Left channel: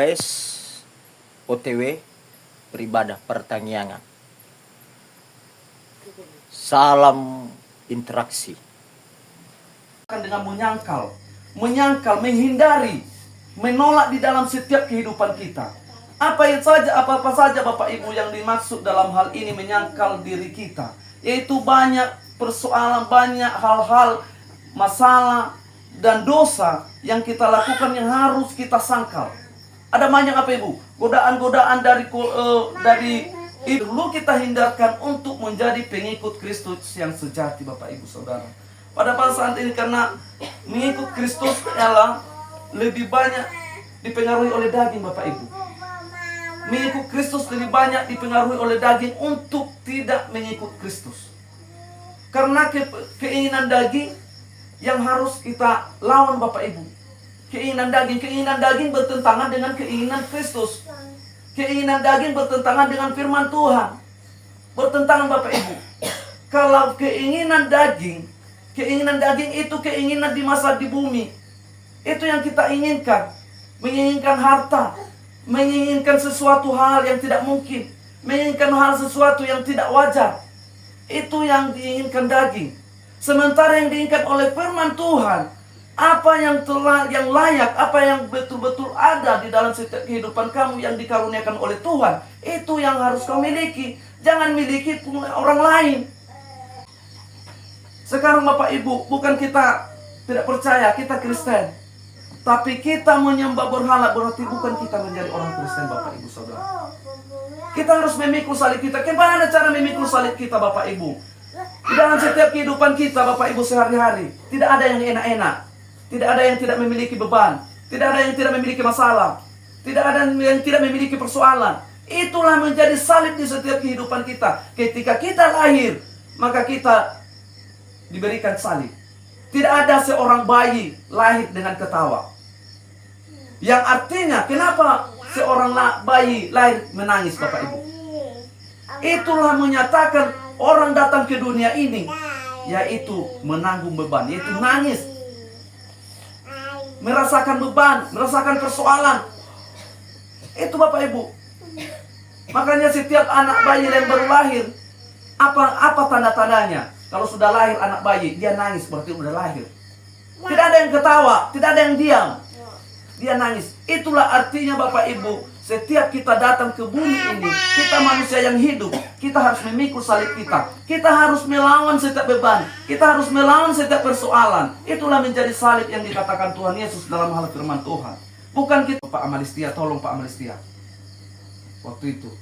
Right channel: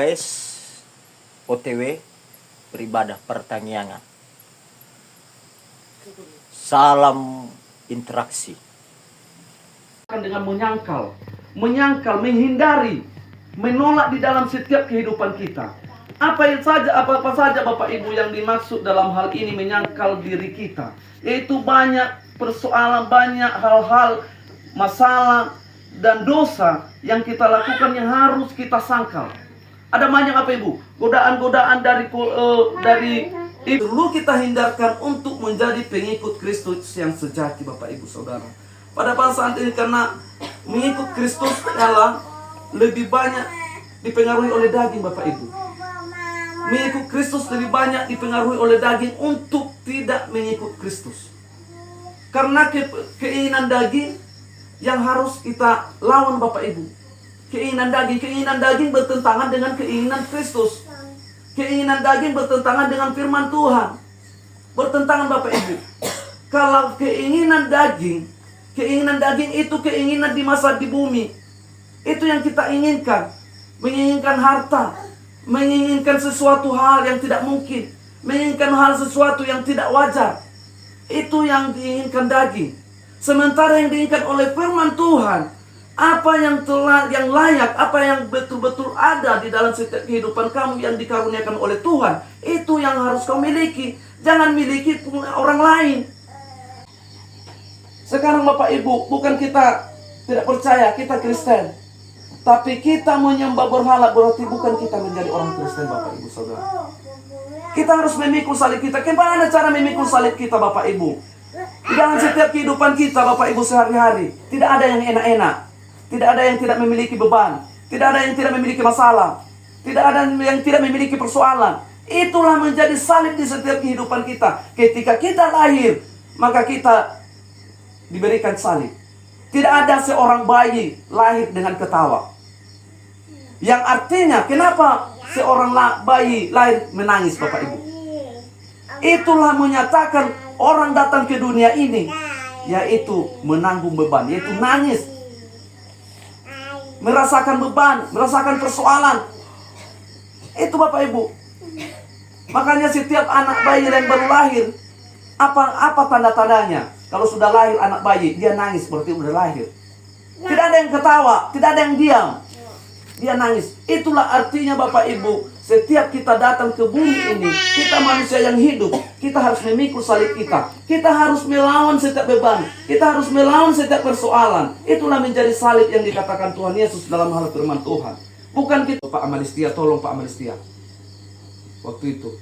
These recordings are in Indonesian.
Guys, OTW beribadah pertanyaan. Salam interaksi. Dengan menyangkal, menghindari, menolak di dalam setiap kehidupan kita. Apa saja Bapak Ibu yang dimaksud dalam hal ini menyangkal diri kita, yaitu banyak persoalan, banyak hal-hal, masalah dan dosa yang kita lakukan yang harus kita sangkal. Ada banyak apa Ibu? Godaan-godaan dari dulu kita hindarkan untuk menjadi pengikut Kristus yang sejati, Bapak Ibu Saudara. Pada saat ini karena mengikut Kristus adalah lebih banyak dipengaruhi oleh daging, Bapak Ibu. Mengikut Kristus lebih banyak dipengaruhi oleh daging untuk tidak mengikut Kristus. Karena keinginan daging yang harus kita lawan, Bapak Ibu. Keinginan daging bertentangan dengan keinginan Kristus. Keinginan daging bertentangan dengan firman Tuhan. Bertentangan, Bapak Ibu. Kalau keinginan daging itu keinginan di masa di bumi. Itu yang kita inginkan. Menginginkan harta, menginginkan sesuatu hal yang tidak mungkin, menginginkan hal sesuatu yang tidak wajar. Itu yang diinginkan daging. Sementara yang diinginkan oleh firman Tuhan, apa yang layak, apa yang betul-betul ada di dalam setiap kehidupan kamu yang dikaruniakan oleh Tuhan, itu yang harus kau miliki. Jangan miliki orang lain. Sekarang Bapak Ibu, bukan kita tidak percaya, kita Kristen, tapi kita menyembah berhala, berarti bukan kita menjadi orang Kristen, Bapak Ibu Saudara. Kita harus memikul salib kita. Bagaimana cara memikul salib kita, Bapak Ibu? Di dalam setiap kehidupan kita, Bapak Ibu, sehari-hari, tidak ada yang enak-enak. Tidak ada yang tidak memiliki beban. Tidak ada yang tidak memiliki masalah. Tidak ada yang tidak memiliki persoalan. Itulah menjadi salib di setiap kehidupan kita. Ketika kita lahir, maka kita diberikan salib. Tidak ada seorang bayi lahir dengan ketawa. Yang artinya, kenapa seorang bayi lahir menangis, Bapak Ibu? Itulah menyatakan orang datang ke dunia ini, yaitu menanggung beban, yaitu nangis. Merasakan beban, merasakan persoalan. Itu Bapak Ibu. Makanya setiap anak bayi yang baru lahir, apa tanda-tandanya? Kalau sudah lahir anak bayi, dia nangis seperti sudah lahir. Tidak ada yang ketawa, tidak ada yang diam. Dia nangis. Itulah artinya Bapak Ibu, setiap kita datang ke bumi ini, kita manusia yang hidup, kita harus memikul salib kita. Kita harus melawan setiap beban. Kita harus melawan setiap persoalan. Itulah menjadi salib yang dikatakan Tuhan Yesus dalam hal firman Tuhan. Bukan kita, Pak Amalistia, tolong Pak Amalistia. Waktu itu.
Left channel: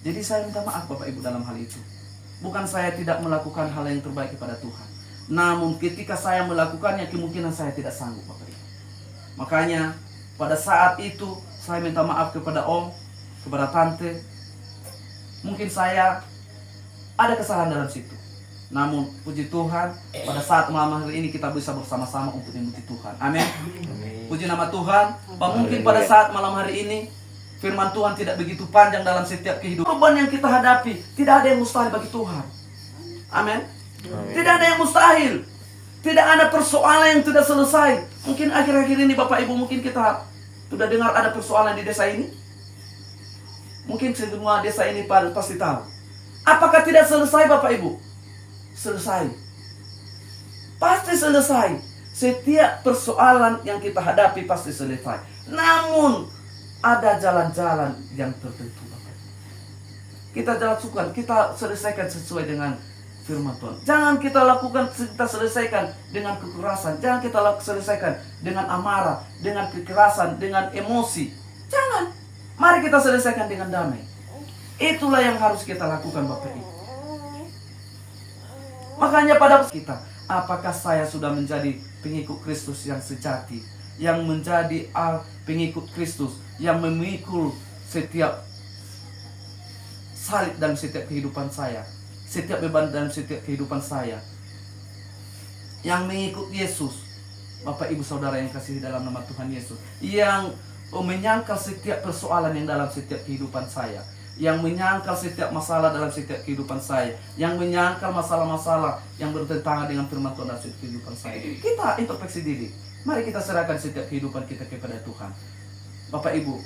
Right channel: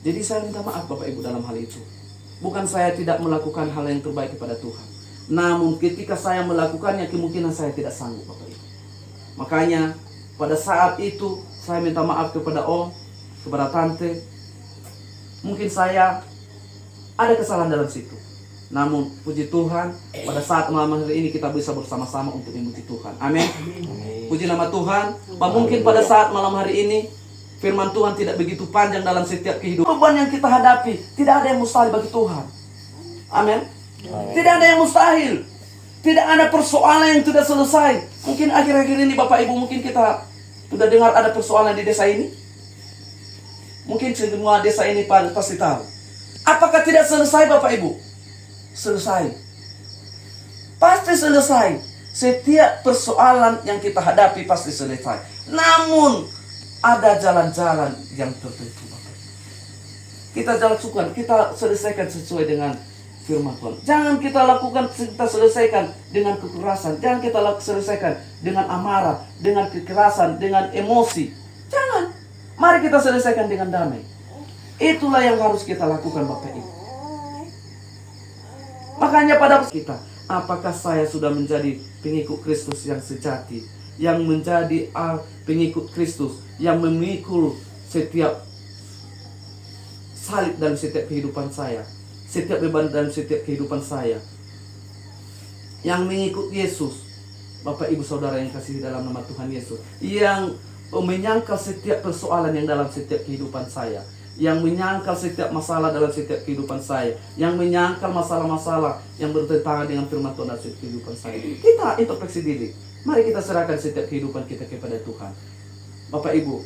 Jadi saya minta maaf Bapak Ibu dalam hal itu. Bukan saya tidak melakukan hal yang terbaik kepada Tuhan. Namun ketika saya melakukannya, kemungkinan saya tidak sanggup, Bapak Ibu. Makanya pada saat itu saya minta maaf kepada Om, kepada Tante. Mungkin saya ada kesalahan dalam situ. Namun puji Tuhan, pada saat malam hari ini kita bisa bersama-sama untuk memuji Tuhan. Amin. Puji nama Tuhan. Mungkin pada saat malam hari ini firman Tuhan tidak begitu panjang dalam setiap kehidupan. Beban yang kita hadapi, tidak ada yang mustahil bagi Tuhan. Amin. Tidak ada yang mustahil. Tidak ada persoalan yang tidak selesai. Mungkin akhir-akhir ini Bapak Ibu, mungkin kita sudah dengar ada persoalan di desa ini. Mungkin semua desa ini pasti tahu. Apakah tidak selesai Bapak Ibu? Selesai. Pasti selesai. Setiap persoalan yang kita hadapi pasti selesai. Namun ada jalan-jalan yang tertentu, Bapak Ibu. Kita jalan kita selesaikan sesuai dengan firman Tuhan. Jangan kita selesaikan dengan kekerasan. Jangan kita selesaikan dengan amarah, dengan kekerasan, dengan emosi. Jangan. Mari kita selesaikan dengan damai. Itulah yang harus kita lakukan, Bapak Ibu. Makanya pada kita, apakah saya sudah menjadi pengikut Kristus yang sejati, yang menjadi pengikut Kristus, yang memikul setiap salib dalam setiap kehidupan saya, setiap beban dalam setiap kehidupan saya, yang mengikut Yesus, Bapak Ibu Saudara yang kasih dalam nama Tuhan Yesus, yang menyangkal setiap persoalan yang dalam setiap kehidupan saya, yang menyangkal setiap masalah dalam setiap kehidupan saya, yang menyangkal masalah-masalah yang bertentangan dengan firman Tuhan dalam setiap kehidupan saya. Kita introspeksi diri. Mari kita serahkan setiap kehidupan kita kepada Tuhan. Bapak Ibu.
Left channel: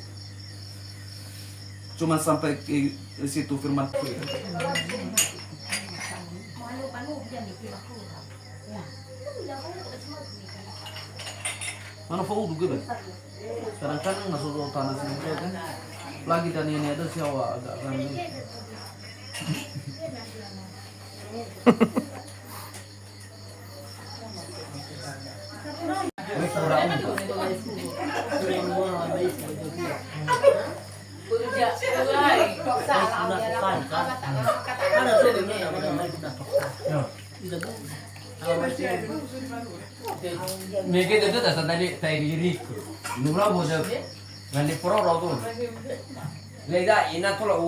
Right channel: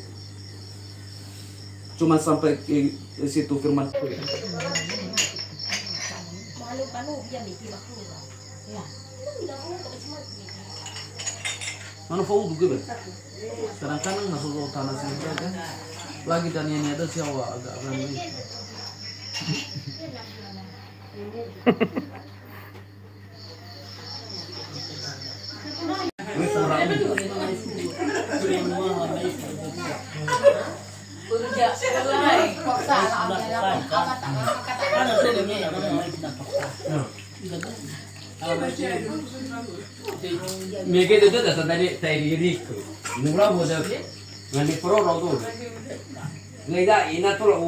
Cuma sampai ke situ firman. Mana fau juga, kadang-kadang masuk tanah sini kan. Lagi dan ini ada siapa agak kan. Mikir itu dah tadi saya diri itu. Nurah boleh. Ngan di pro tuh. Lega ina tuh